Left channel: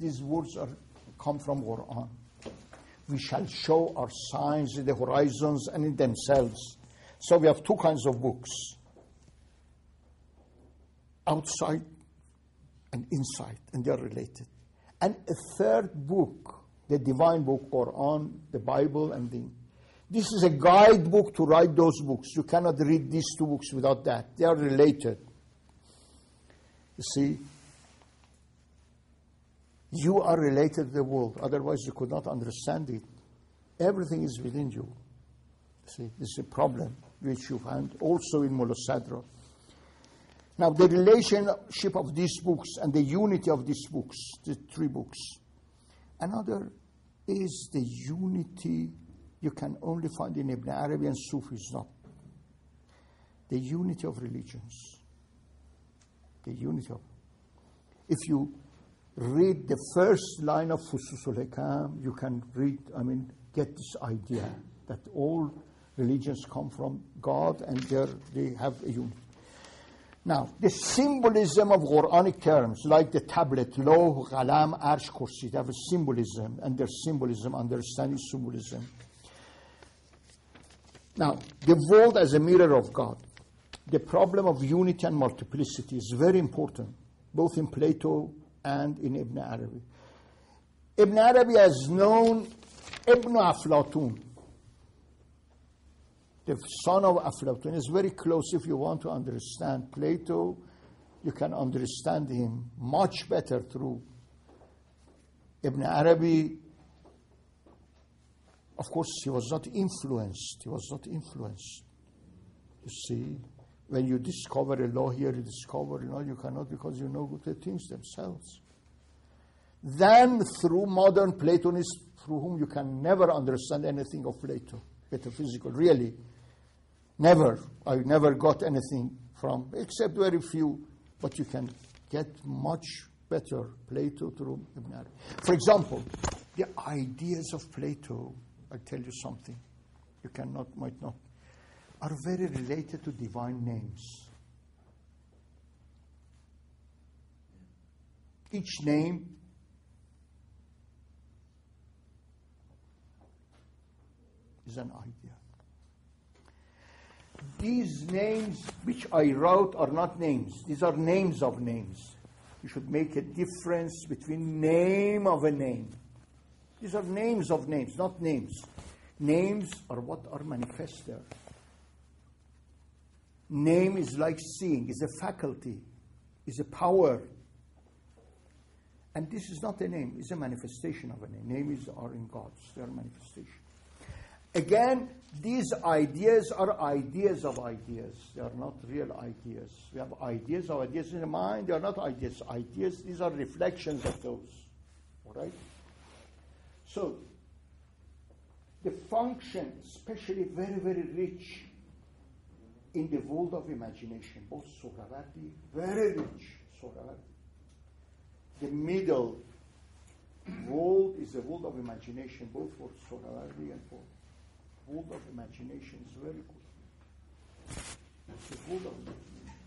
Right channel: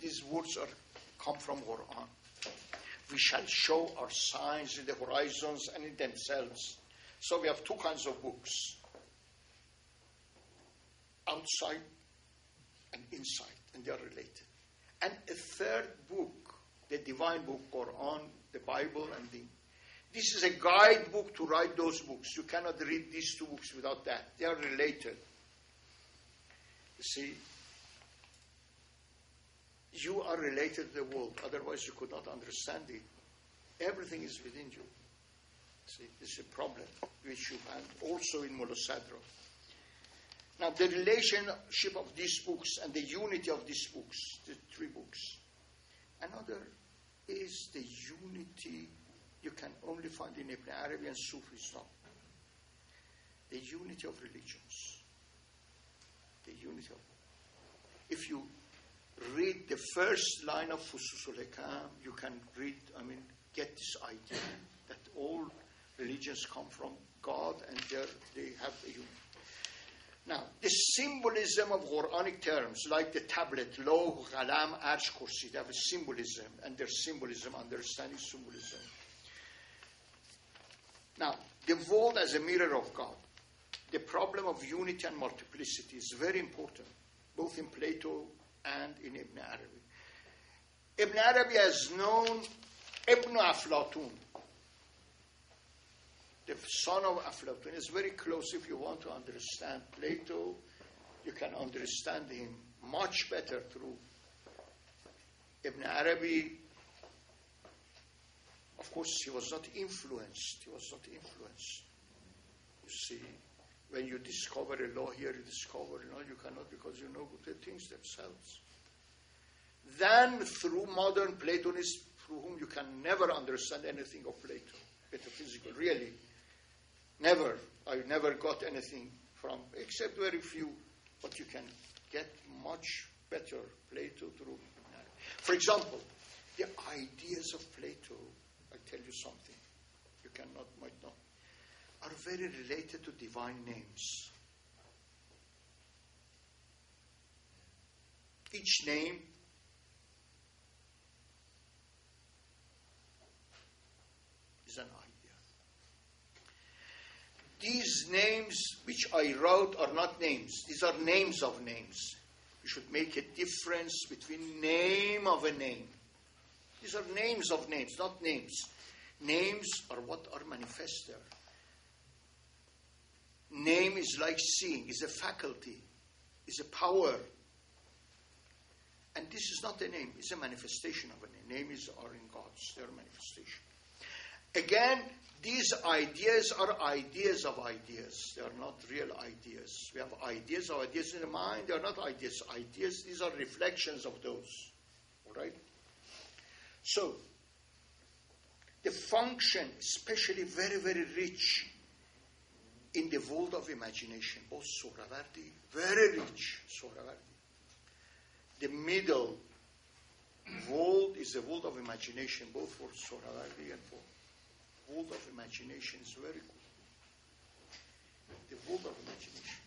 these words come from Quran. We shall show our signs in the horizons and in themselves. So we have two kinds of books. Outside and inside, and they are related. And a third book, the divine book, Quran, the Bible, and this is a guidebook to write those books. You cannot read these two books without that. They are related. You see, you are related to the world. Otherwise, you could not understand it. Everything is within you. See, this is a problem which you find also in Mullah Sadra. Now, the relationship of these books and the unity of these books, the three books. Another is the unity you can only find in Ibn Arabi and Sufis. No. The unity of religions. The unity of... If you read the first line of Fususul Hikam, you can get this idea that all religions come from God and they have a unity. Now, the symbolism of Quranic terms, like the tablet, Loh, Ghalam, Arsh, Kursi, they have a symbolism, and their symbolism, understanding symbolism. Now, the world as a mirror of God. The problem of unity and multiplicity is very important, both in Plato and in Ibn Arabi. Ibn Arabi has known Ibn Aflatun, the son of Aflatun. Is very close. If you want to understand Plato, you can understand him much better through Ibn Arabi. Of course, he was not influenced. You see, when you discover a law here, you discover a law, you cannot, because you know the things themselves. Then through modern Platonists, through whom you can never understand anything of Plato, metaphysical, really. Never. I never got anything from, except very few, but you can get much better Plato through Ibn Arabi. For example, the ideas of Plato, I'll tell you something, you might not, are very related to divine names. Each name is an idea. These names which I wrote are not names. These are names of names. You should make a difference between name of a name. These are names of names, not names. Names are what are manifested. Name is like seeing, is a faculty, is a power. And this is not a name, it's a manifestation of a name. Names are in God's, they are manifestation. Again, these ideas are ideas of ideas. They are not real ideas. We have ideas of ideas in the mind. They are not ideas. Ideas, these are reflections of those. All right? So, the function, especially very, very rich in the world of imagination. Both Sohrawardi, very rich Sohrawardi. The middle world is the world of imagination, both for Sohrawardi and for world of imagination is very good. The world of imagination.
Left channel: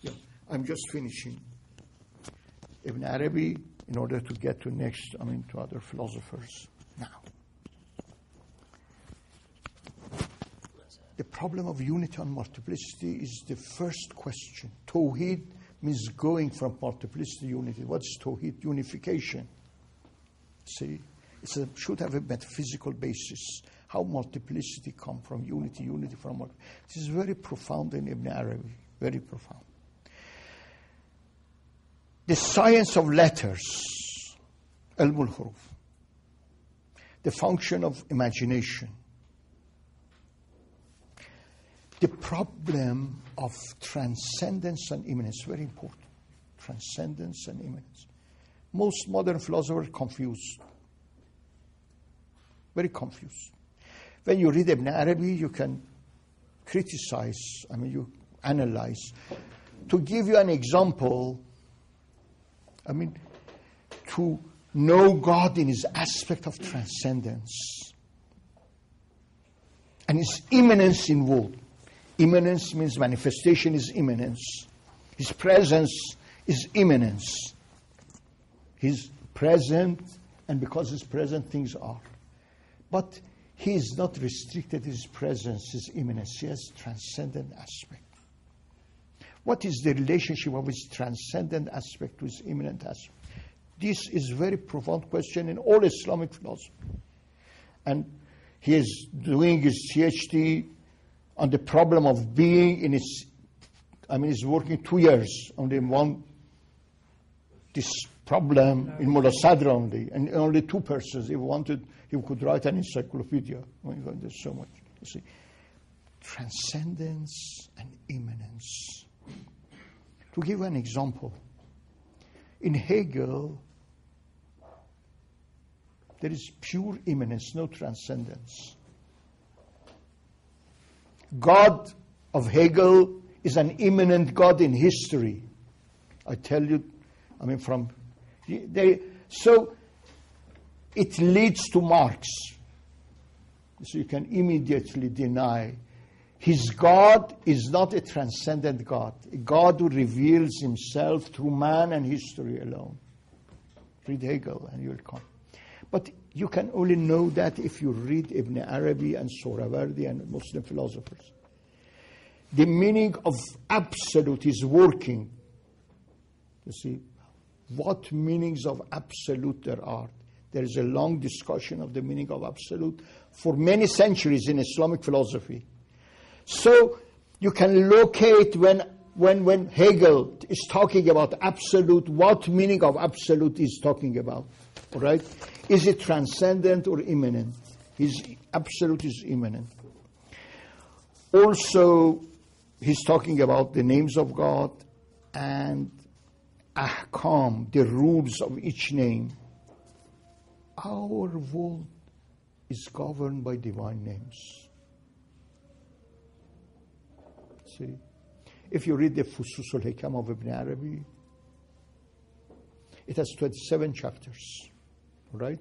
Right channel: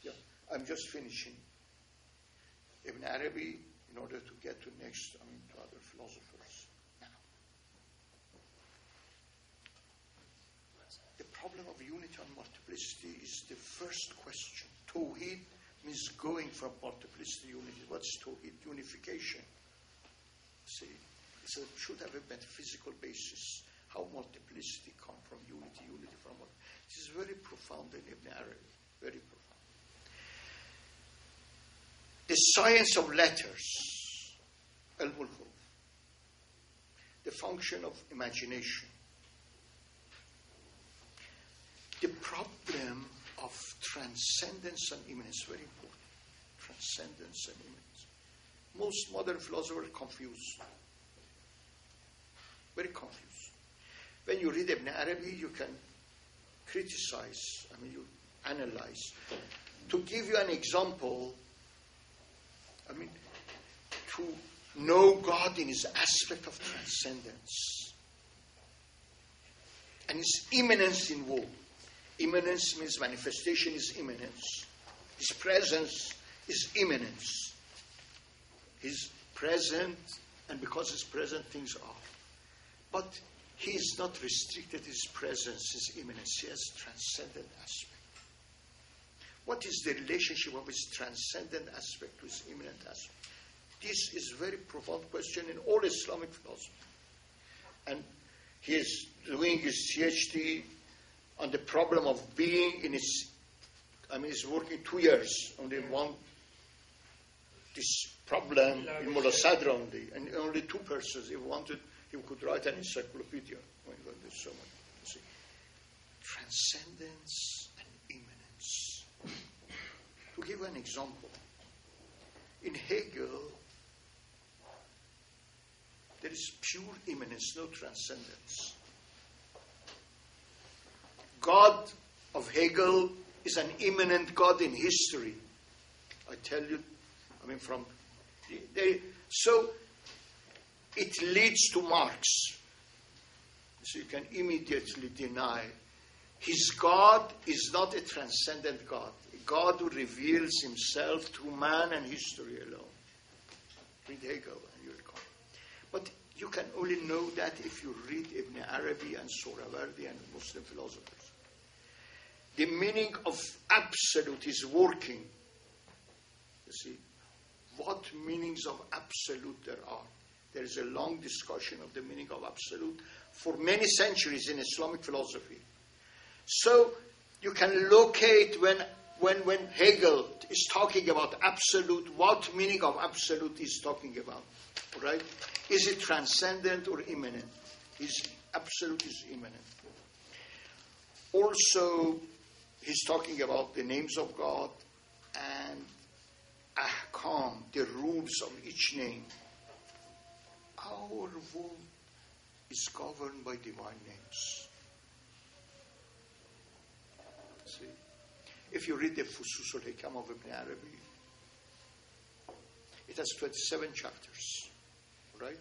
Yeah, I'm just finishing Ibn Arabi in order to get to to other philosophers. Now, the problem of unity and multiplicity is the first question. Tawheed means going from multiplicity to unity. What's Tawheed? Unification. See, it should have a metaphysical basis. How multiplicity come from unity, unity from multiplicity. This is very profound in Ibn Arabi, very profound. The science of letters, Ilm al-Huruf. The function of imagination. The problem of transcendence and immanence, very important. Transcendence and immanence. Most modern philosophers are confused. Very confused. When you read Ibn Arabi, you can criticize, you analyze. To give you an example, to know God in his aspect of transcendence and his immanence in world. Immanence means manifestation is immanence. His presence is immanence. He's present, and because he's present, things are. But he is not restricted, his presence, his immanence. He has transcendent aspect. What is the relationship of his transcendent aspect to his immanent aspect? This is a very profound question in all Islamic philosophy. And he is doing his PhD on the problem of being in his, he's working 2 years on this problem in Mullah Sadr only, and only 2 persons. He wanted, he could write an encyclopedia. There's so much, you see. Transcendence and immanence. To give an example, in Hegel, there is pure immanence, no transcendence. God of Hegel is an immanent God in history. I tell you, so it leads to Marx. So you can immediately deny his God is not a transcendent God, a God who reveals himself through man and history alone. Read Hegel and you'll come. But you can only know that if you read Ibn Arabi and Sohrawardi and Muslim philosophers. The meaning of absolute is working. You see, what meanings of absolute there are. There is a long discussion of the meaning of absolute for many centuries in Islamic philosophy. So you can locate when Hegel is talking about absolute, what meaning of absolute is talking about. All right? Is it transcendent or immanent? His absolute is immanent. Also, he's talking about the names of God and ahkam, the rules of each name. Our world is governed by divine names. See, if you read the Fusus al-Hikam of Ibn Arabi, it has 27 chapters, right?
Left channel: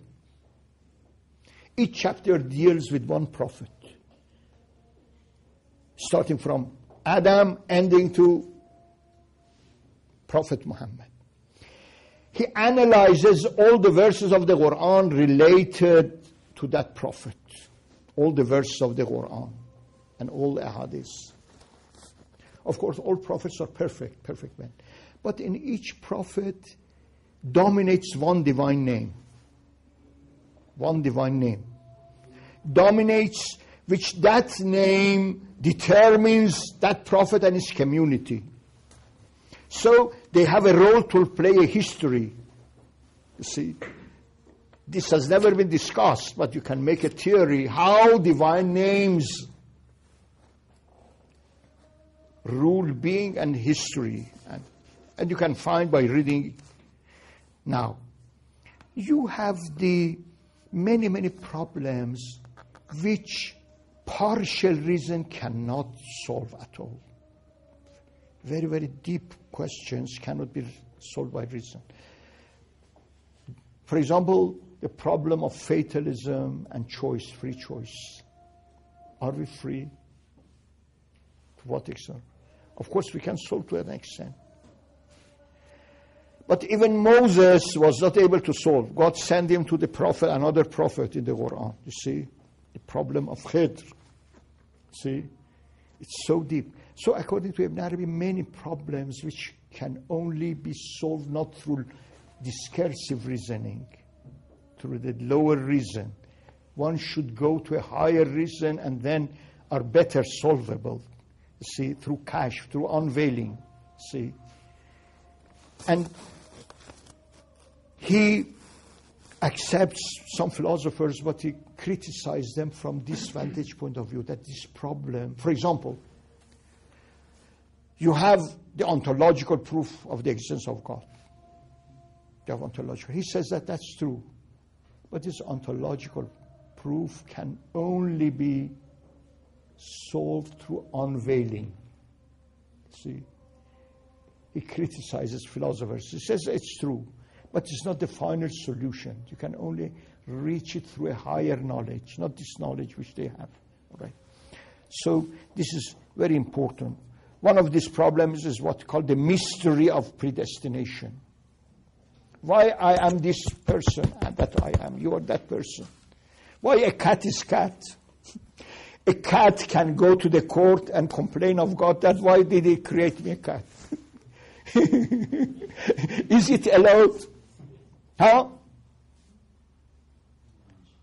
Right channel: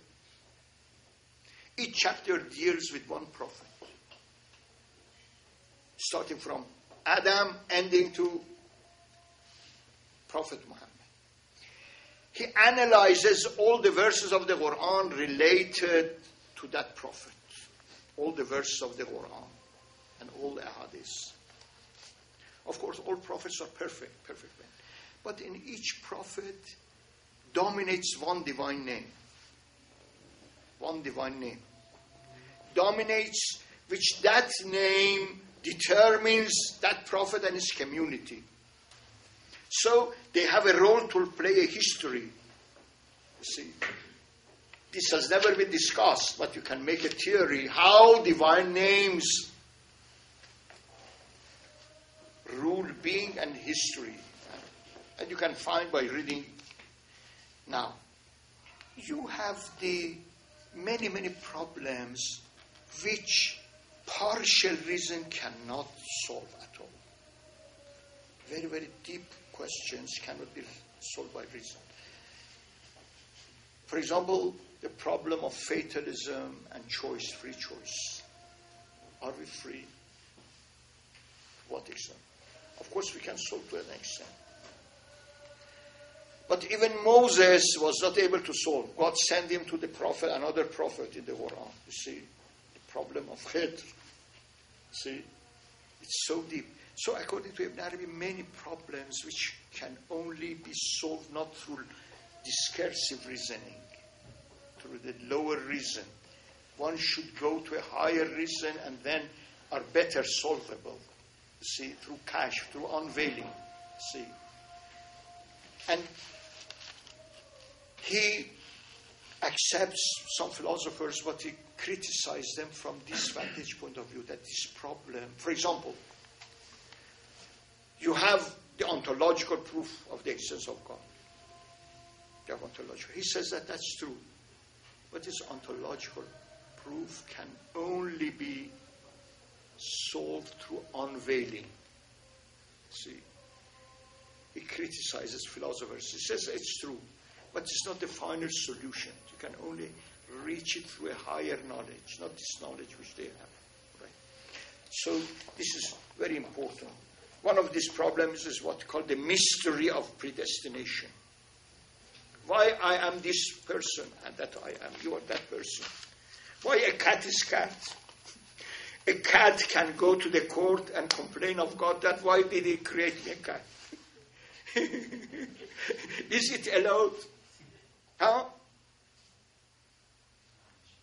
Each chapter deals with one prophet, starting from Adam, ending to Prophet Muhammad. He analyzes all the verses of the Quran related to that prophet, all the verses of the Quran and all the ahadith. Of course, all prophets are perfect men. But in each prophet dominates one divine name. One divine name. Dominates, which that name determines that prophet and his community. So they have a role to play, a history. You see, this has never been discussed, but you can make a theory how divine names rule being and history. And you can find by reading. Now, you have the many problems which partial reason cannot solve at all. Very deep questions cannot be solved by reason. For example, the problem of fatalism and choice, free choice. Are we free? To what extent? Of course, we can solve to an extent. But even Moses was not able to solve. God sent him to the prophet, another prophet in the Quran. You see, the problem of Khidr. See, it's so deep. So according to Ibn Arabi, many problems which can only be solved not through discursive reasoning, through the lower reason. One should go to a higher reason and then are better solvable. See, through kashf, through unveiling. See. And he accepts some philosophers, but he criticizes them from this vantage point of view, that this problem, for example, you have the ontological proof of the existence of God. You have ontological. He says that that's true. But this ontological proof can only be solved through unveiling. See? He criticizes philosophers. He says it's true, but it's not the final solution. You can only reach it through a higher knowledge, not this knowledge which they have. Right? So this is very important. One of these problems is what called the mystery of predestination. Why I am this person and that I am, you are that person. Why a cat is cat? A cat can go to the court and complain of God that why did he create me a cat? Is it allowed? Huh?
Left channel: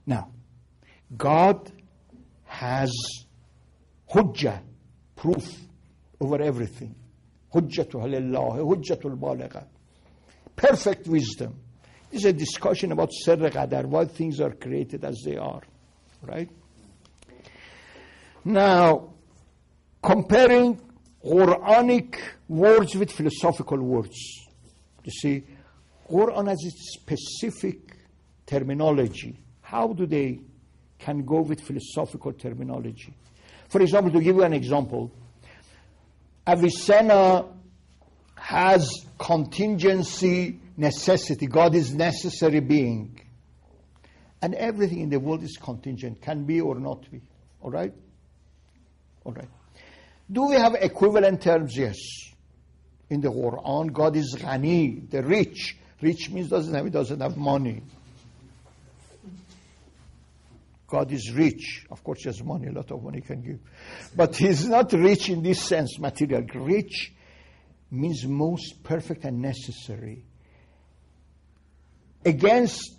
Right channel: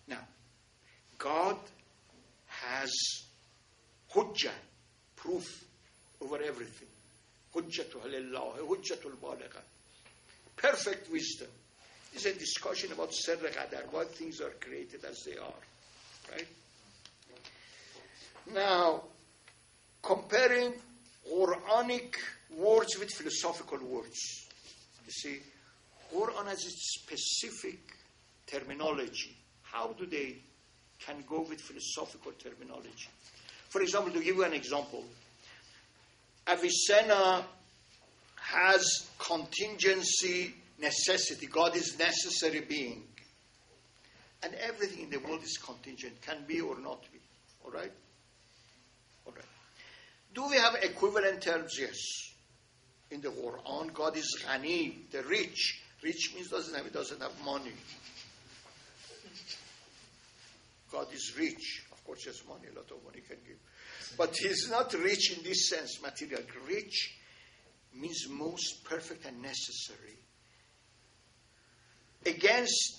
Now, God has hujjah, proof over everything. Hujjatul lillah, hujjatul baligha. Perfect wisdom. It's a discussion about Sirr Qadar, why things are created as they are. Right? Now, comparing Quranic words with philosophical words. You see, Quran has its specific terminology. How do they can go with philosophical terminology? For example, to give you an example, Avicenna has contingency, necessity. God is necessary being. And everything in the world is contingent, can be or not be. All right? All right. Do we have equivalent terms? Yes. In the Quran, God is Ghani, the rich. Rich means he doesn't have money. God is rich. Of course, he has money, a lot of money he can give. But he's not rich in this sense, material. Rich means most perfect and necessary. Against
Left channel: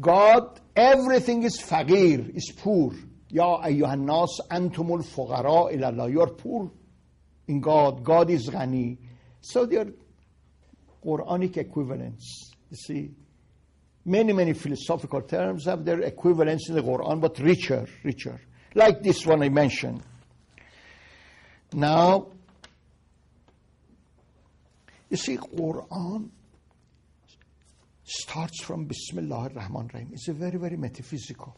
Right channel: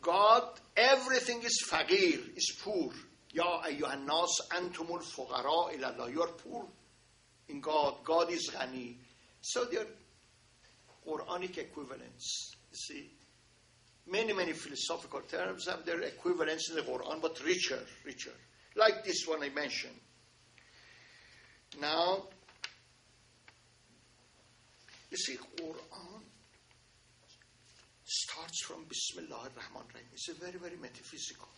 God, everything is faqir, is poor. Ya ayyuhan nas antumul fuqara ila Allah. You are poor in God. God is Ghani. So they are Quranic equivalents. You see, many philosophical terms have their equivalents in the Quran, but richer. Like this one I mentioned. Now, you see, Quran starts from Bismillah ar-Rahman ar-Rahim. It's a very metaphysical.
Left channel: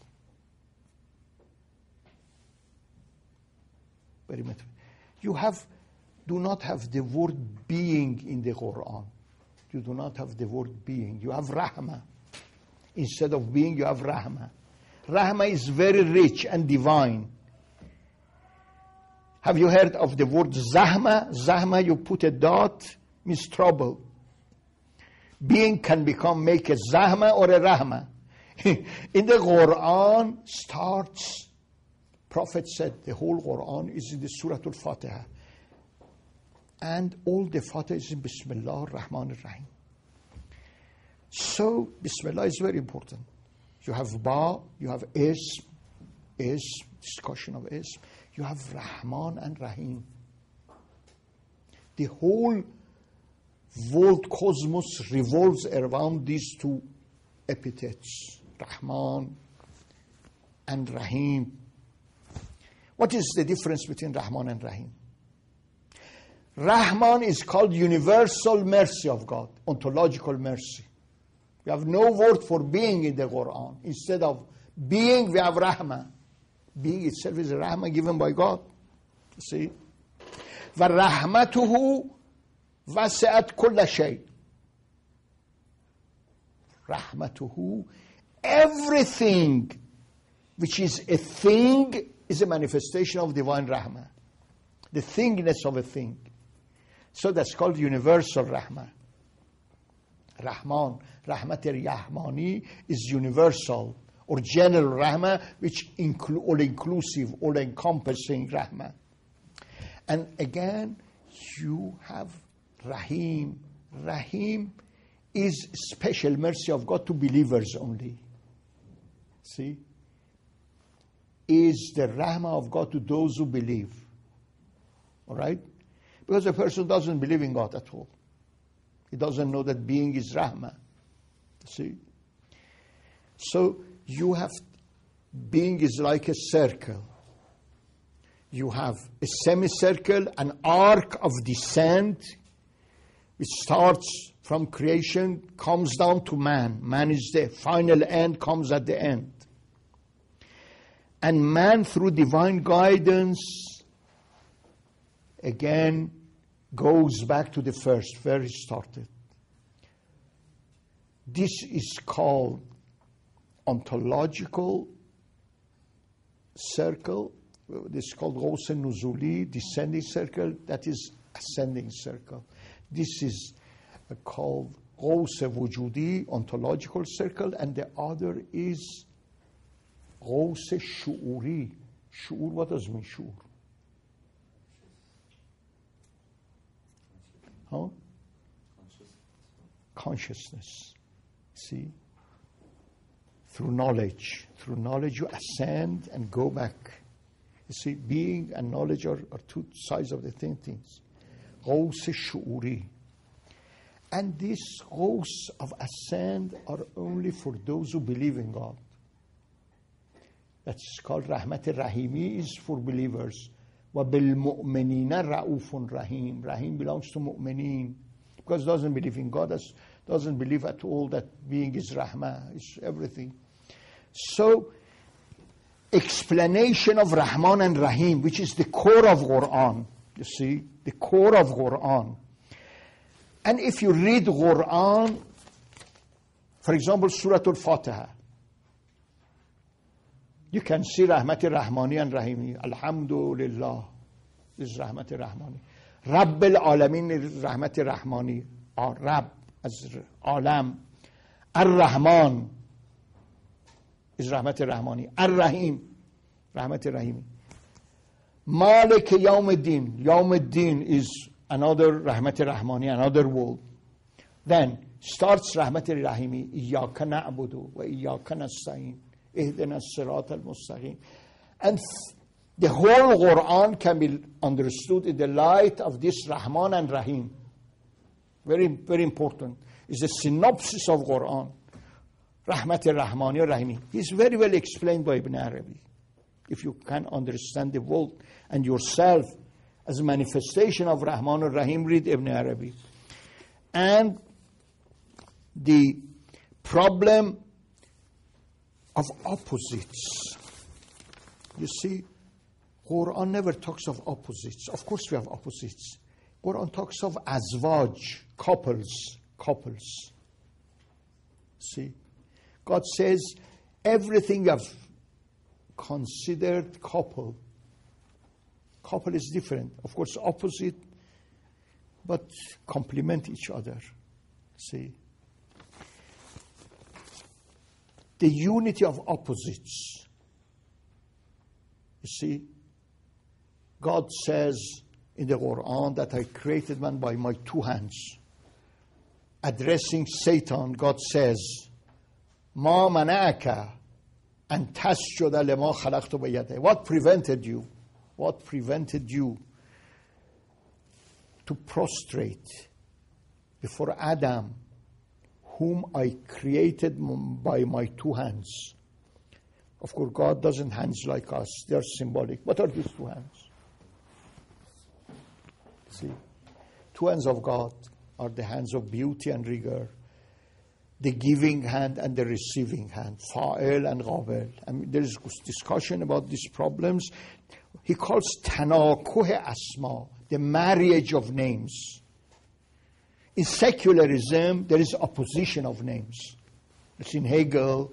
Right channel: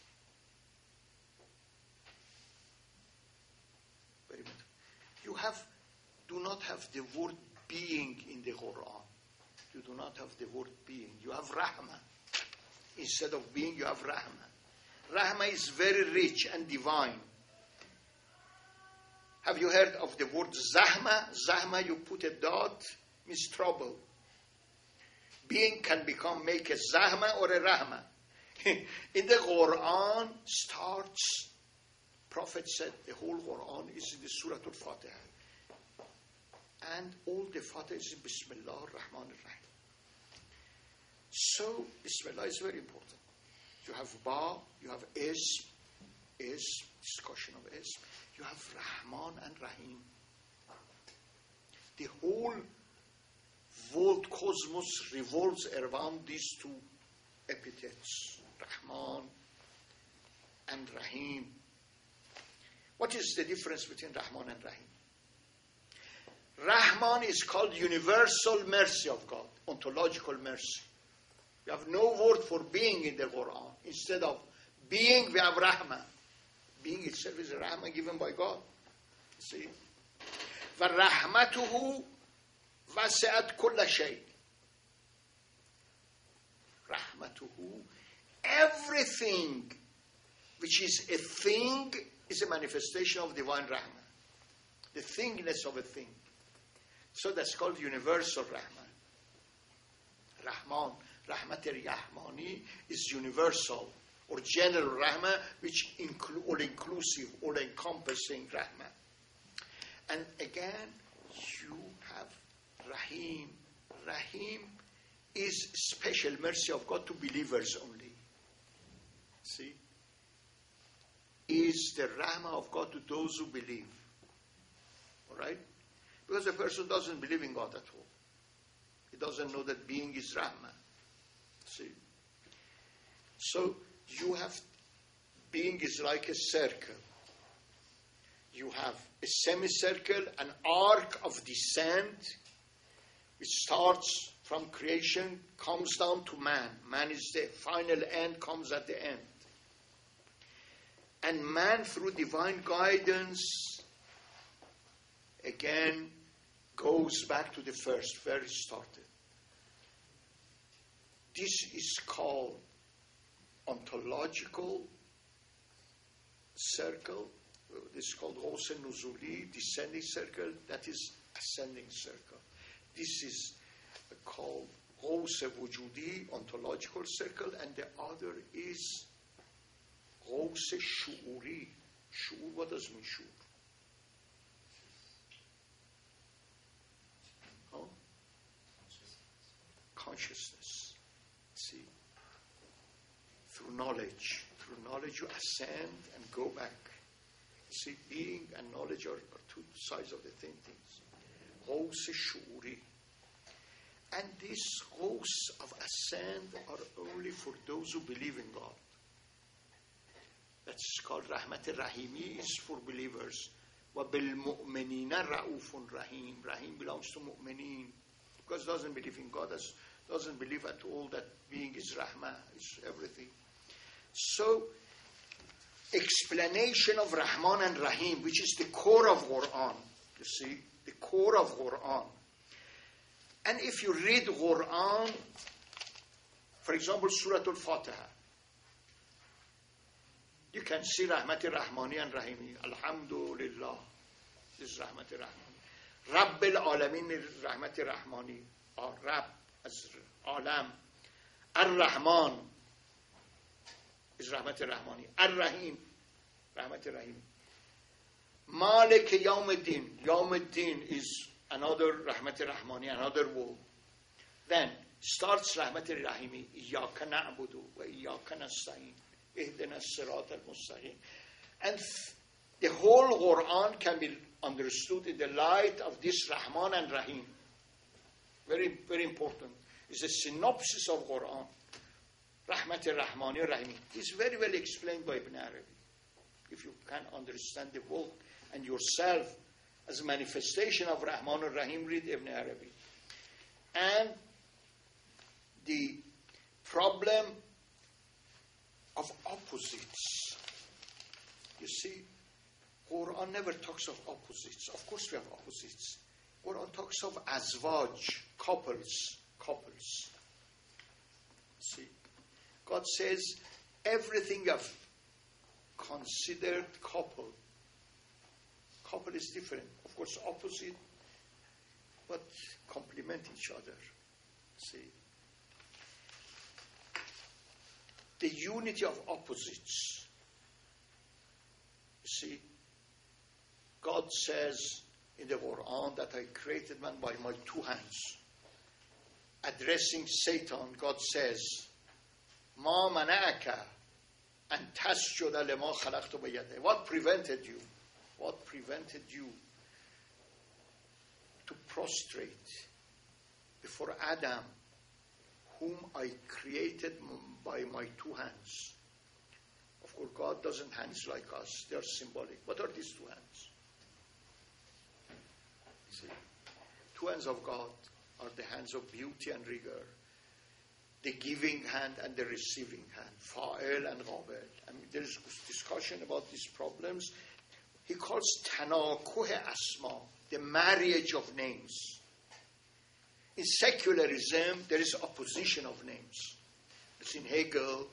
Very metaphysical. You do not have the word being in the Quran. You do not have the word being. You have Rahmah. Instead of being, you have Rahmah. Rahmah is very rich and divine. Have you heard of the word Zahma? Zahma, you put a dot, means trouble. Being can make a Zahma or a Rahmah. In the Quran starts, Prophet said, the whole Quran is in the Surah Al-Fatiha. And all the Fatiha is in Bismillah ar-Rahman ar-Rahim. So, Bismillah is very important. You have Ba, you have Ism, discussion of Ism. You have Rahman and Rahim. The whole world cosmos revolves around these two epithets, Rahman and Rahim. What is the difference between Rahman and Rahim? Rahman is called universal mercy of God, ontological mercy. We have no word for being in the Quran. Instead of being, we have Rahmah. Being itself is a Rahmah given by God. See? وَرَحْمَتُهُ وَسِعَتْ كُلَّ شَيْءٍ. Rahmatuhu, everything which is a thing is a manifestation of divine Rahmah. The thingness of a thing. So that's called universal Rahmah. Rahman, Rahmat al-Rahmani is universal or general Rahmah, which all-inclusive, all-encompassing Rahmah. And again, you have Rahim. Rahim is special mercy of God to believers only. See? Is the Rahmah of God to those who believe. All right? Because a person doesn't believe in God at all. He doesn't know that being is Rahmah. See? So you have, being is like a circle. You have a semicircle, an arc of descent, which starts from creation, comes down to man. Man is the final end, comes at the end. And man, through divine guidance, again, goes back to the first, where he started. This is called ontological circle This is called Ghaus Nuzuli, descending circle. That is ascending circle. This is called Ghaus Wujudi, ontological circle, and the other is Ghaus Shu'uri. Shu'ur, what does it mean, Shu'ur? Huh? Consciousness. See? Through knowledge. Through knowledge you ascend and go back. You see, being and knowledge are two sides of the same things. Ghaus Shu'uri. And this ghaus of ascend are only for those who believe in God. That's called Rahmat Rahimi, is for believers. وَبِالْمُؤْمِنِينَ رَؤُوفٌ Rahim. Rahim belongs to mu'mineen. Because doesn't believe in God, doesn't believe at all that being is Rahmah, is everything. So, explanation of Rahman and Rahim, which is the core of Quran. You see, the core of Quran. And if you read Quran, for example, Surah Al-Fatiha, you can see Rahmat Rahmani and Rahimi. Alhamdulillah. This is Rahmat Rahmani. Rabbil Alamin is Rahmat Rahmani. Or Rab as Alam. Ar-Rahman is Rahmat Rahmani. Ar-Rahim, Rahmat Rahimi. Malik Yawmuddin. Yawmuddin is another Rahmat Rahmani, another world. Then starts Rahmat Rahimi. Iyyaka na'budu wa iyyaka nasta'in. Ihdina as-sirat al-mustaqim. And the whole Quran can be understood in the light of this Rahman and Rahim. Very, very important. It's a synopsis of Quran. Rahmat al-Rahmani al-Rahimi. It's very well explained by Ibn Arabi. If you can understand the world and yourself as a manifestation of Rahman al-Rahim, read Ibn Arabi. And the problem of opposites. You see, Quran never talks of opposites. Of course we have opposites. Quran talks of azwaj, couples. See, God says everything I've considered couple. Couple is different. Of course, opposite, but complement each other. See, the unity of opposites. You see, God says in the Quran that I created man by my two hands. Addressing Satan, God says, Ma mana'aka an tasjuda lima khalaqtu biyadayya. What prevented you? What prevented you to prostrate before Adam, whom I created by my two hands? Of course, God doesn't hands like us. They are symbolic. What are these two hands? See, two hands of God are the hands of beauty and rigor, the giving hand and the receiving hand, fa'il and ghabel. I mean, there is discussion about these problems. He calls tanakuh asma, the marriage of names. In secularism, there is opposition of names. It's in Hegel,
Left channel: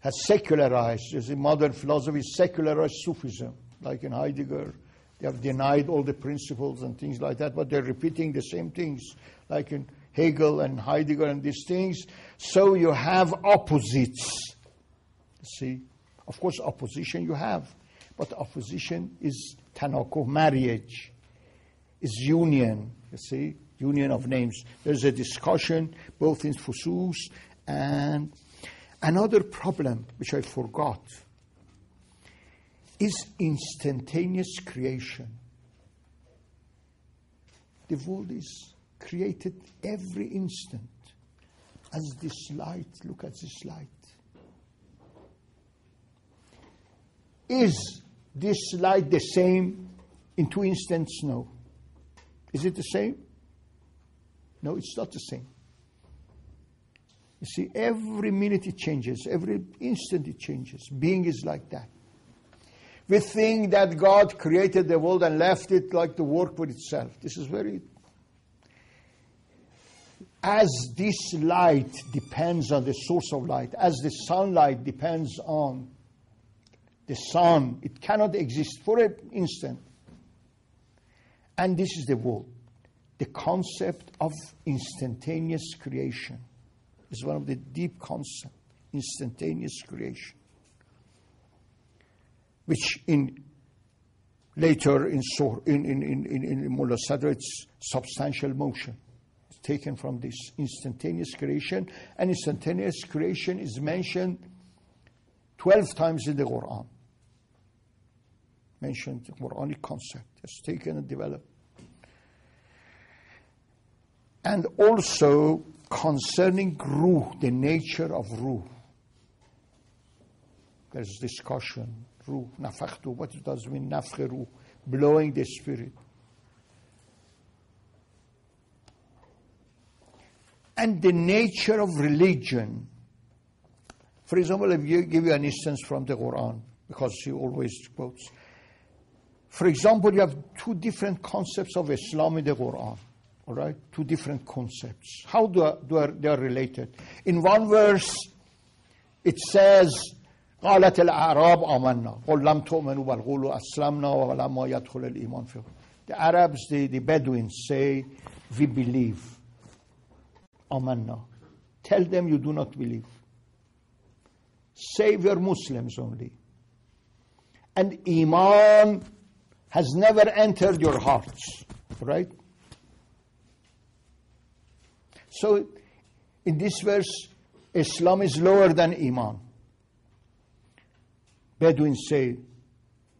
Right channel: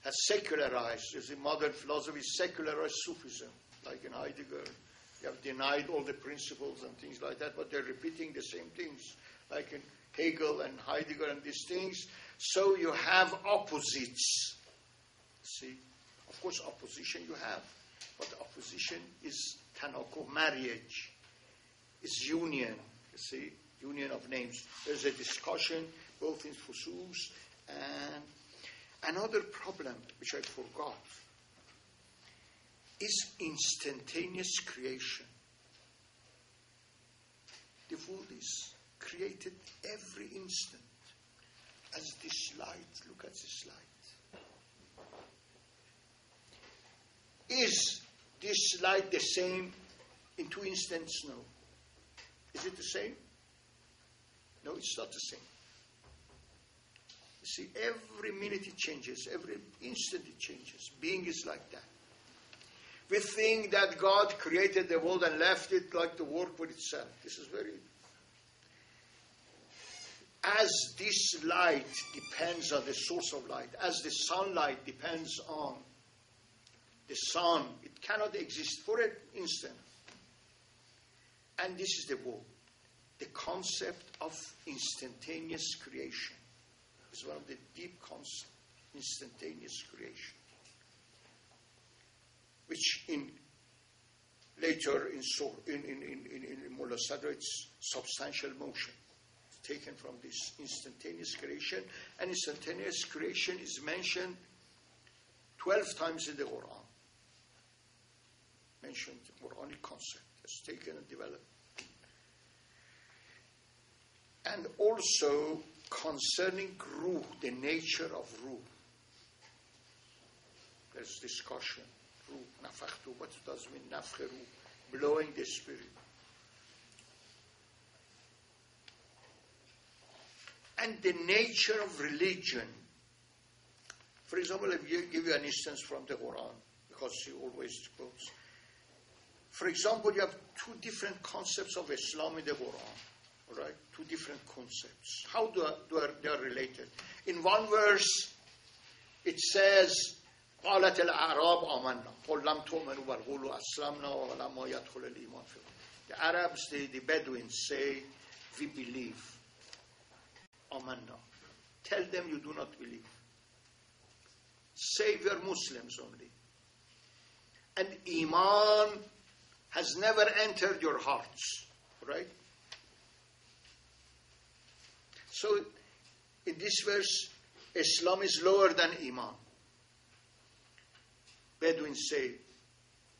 has secularized. You see, modern philosophy secularized Sufism, like in Heidegger. They have denied all the principles and things like that, but they're repeating the same things, like in Hegel and Heidegger and these things. So you have opposites. See, of course, opposition you have, but opposition is tanakuh, marriage, is union. You see, union of names. There's a discussion both in Fusus and another problem which I forgot is instantaneous creation. The world is created every instant. As this light, look at this light. Is this light the same in 2 instants? No. Is it the same? No, it's not the same. You see, every minute it changes, every instant it changes. Being is like that. We think that God created the world and left it like to work with itself. This is very... As this light depends on the source of light, as the sunlight depends on the sun. It cannot exist for an instant. And this is the world. The concept of instantaneous creation is one of the deep concepts, instantaneous creation, which later in Mullah Sadr, it's substantial motion. It's taken from this instantaneous creation, and instantaneous creation is mentioned 12 times in the Quran. Mentioned the Quranic concept. It's taken and developed. And also concerning ruh, the nature of ruh. There's discussion. Ruh, nafakhtu, what does it mean, nafkh ruh, blowing the spirit. And the nature of religion. For example, if you give you an instance from the Quran, because he always quotes. For example, you have two different concepts of Islam in the Quran. All right, two different concepts. How they are related? In one verse, it says, قالت الأعراب آمنا قل لم تؤمنوا بل قولوا أسلمنا ولما يدخل الإيمان في. The Arabs, the Bedouins say, we believe. آمنا. Tell them you do not believe. Say we are Muslims only. And Iman has never entered your hearts. Right? So, in this verse, Islam is lower than Iman. Bedouins say,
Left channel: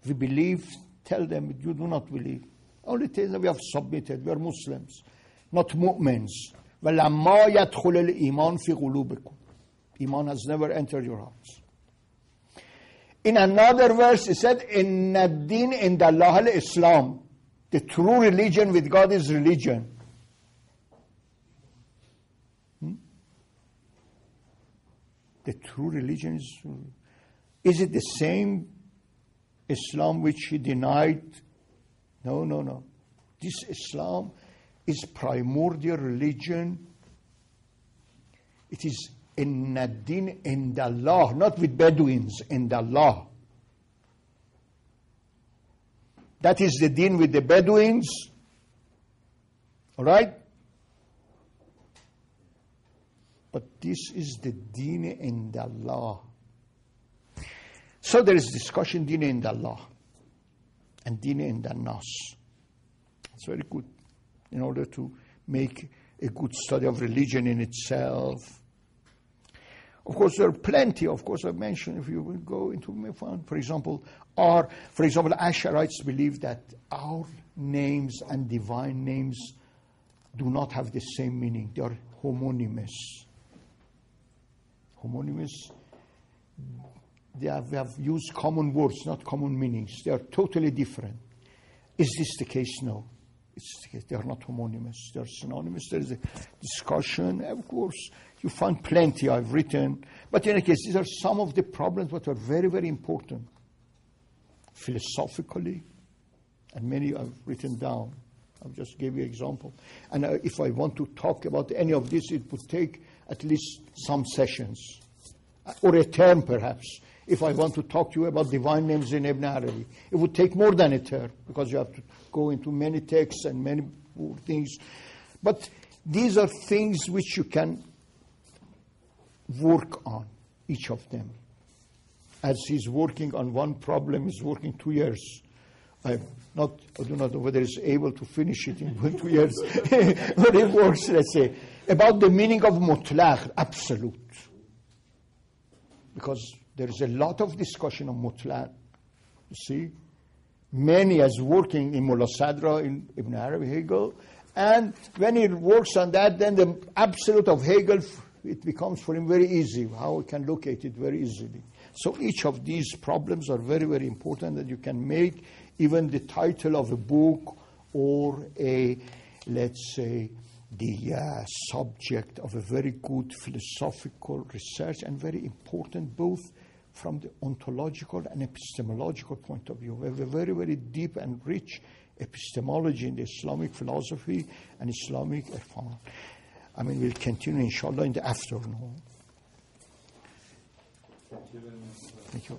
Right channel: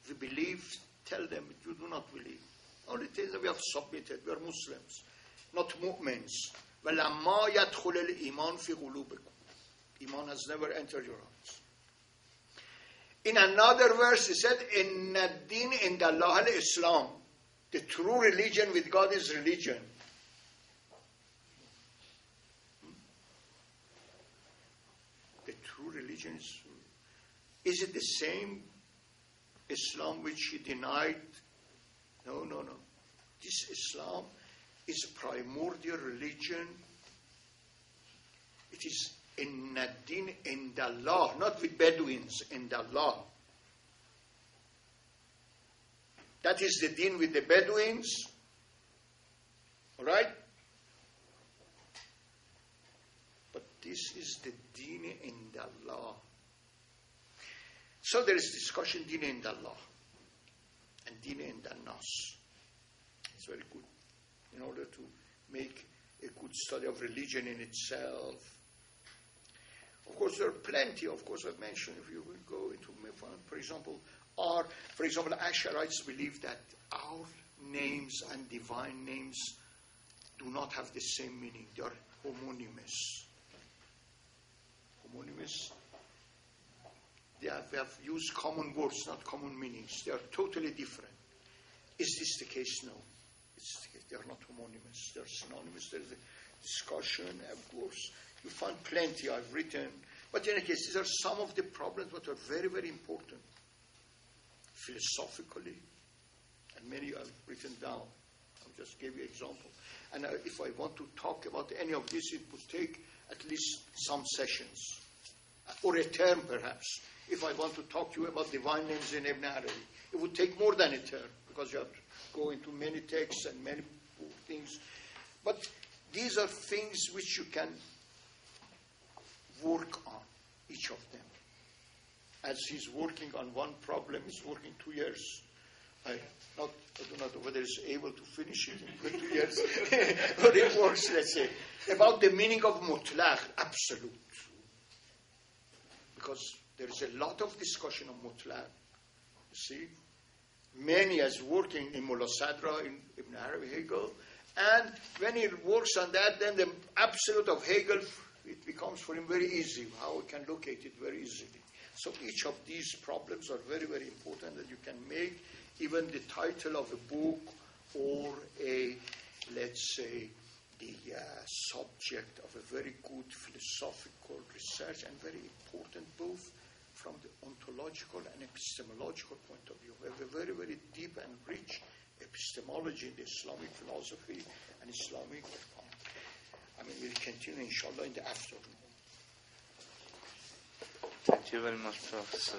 we believe, tell them you do not believe. Only tell them we have submitted, we are Muslims, not mu'mins. وَلَمَّا يَدْخُلِ الْإِيمَانُ فِي قُلُوبِكُمْ. Iman has never entered your hearts. In another verse, it said, إِنَّ الدِّينَ عِنْدَ اللَّهِ الْإِسْلَامِ. The true religion with God is religion. The true religion is it the same Islam which he denied? No. This Islam is primordial religion. It is in ad-din inda Allah, not with Bedouins, inda Allah. That is the deen with the Bedouins. All right? But this is the deen in Allah. So there is discussion deen in Allah and deen in the Nas. It's very good in order to make a good study of religion in itself. Of course, there are plenty. Of course, I mentioned if you will go into Mefan, for example, Ash'arites believe that our names and divine names do not have the same meaning. They are homonymous. Homonymous, we have used common words, not common meanings. They are totally different. Is this the case? No. It's the case. They are not homonymous. They are synonymous. There is a discussion. Of course, you find plenty I've written. But in any case, these are some of the problems that are very, very important. Philosophically, and many I've written down. I'll just give you an example. And if I want to talk about any of this, it would take at least some sessions, or a term perhaps. If I want to talk to you about divine names in Ibn Arabi, it would take more than a term, because you have to go into many texts and many things. But these are things which you can work on, each of them. As he's working on one problem, he's working 2 years. I do not know whether he's able to finish it in 2 years, but it works, let's say. About the meaning of mutlaq, absolute. Because there is a lot of discussion on mutlaq. You see? Many as working in Mullah Sadra, in Ibn Arabi, Hegel. And when he works on that, then the absolute of Hegel, it becomes for him very easy, how we can locate it very easily. So each of these problems are very, very important, that you can make even the title of a book or let's say, the subject of a very good philosophical research, and very important both from the ontological and epistemological point of view. We have a very, very deep and rich epistemology in the Islamic philosophy and Islamic irfan. I mean, we'll continue, inshallah, in the afternoon. Thank you very much, Professor.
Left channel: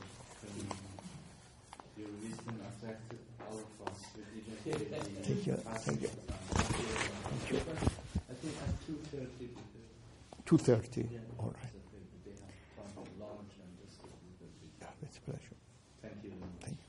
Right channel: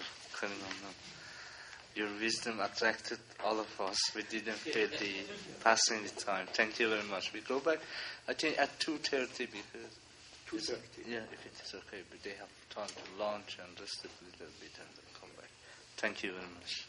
Your wisdom attracted all of us. We didn't feel the passing the time. Thank you very much. We go back, I think, at 2:30 because... 2:30. Yeah, if it's okay. But they have time to lunch and rest a little bit. And come back. Thank you very much.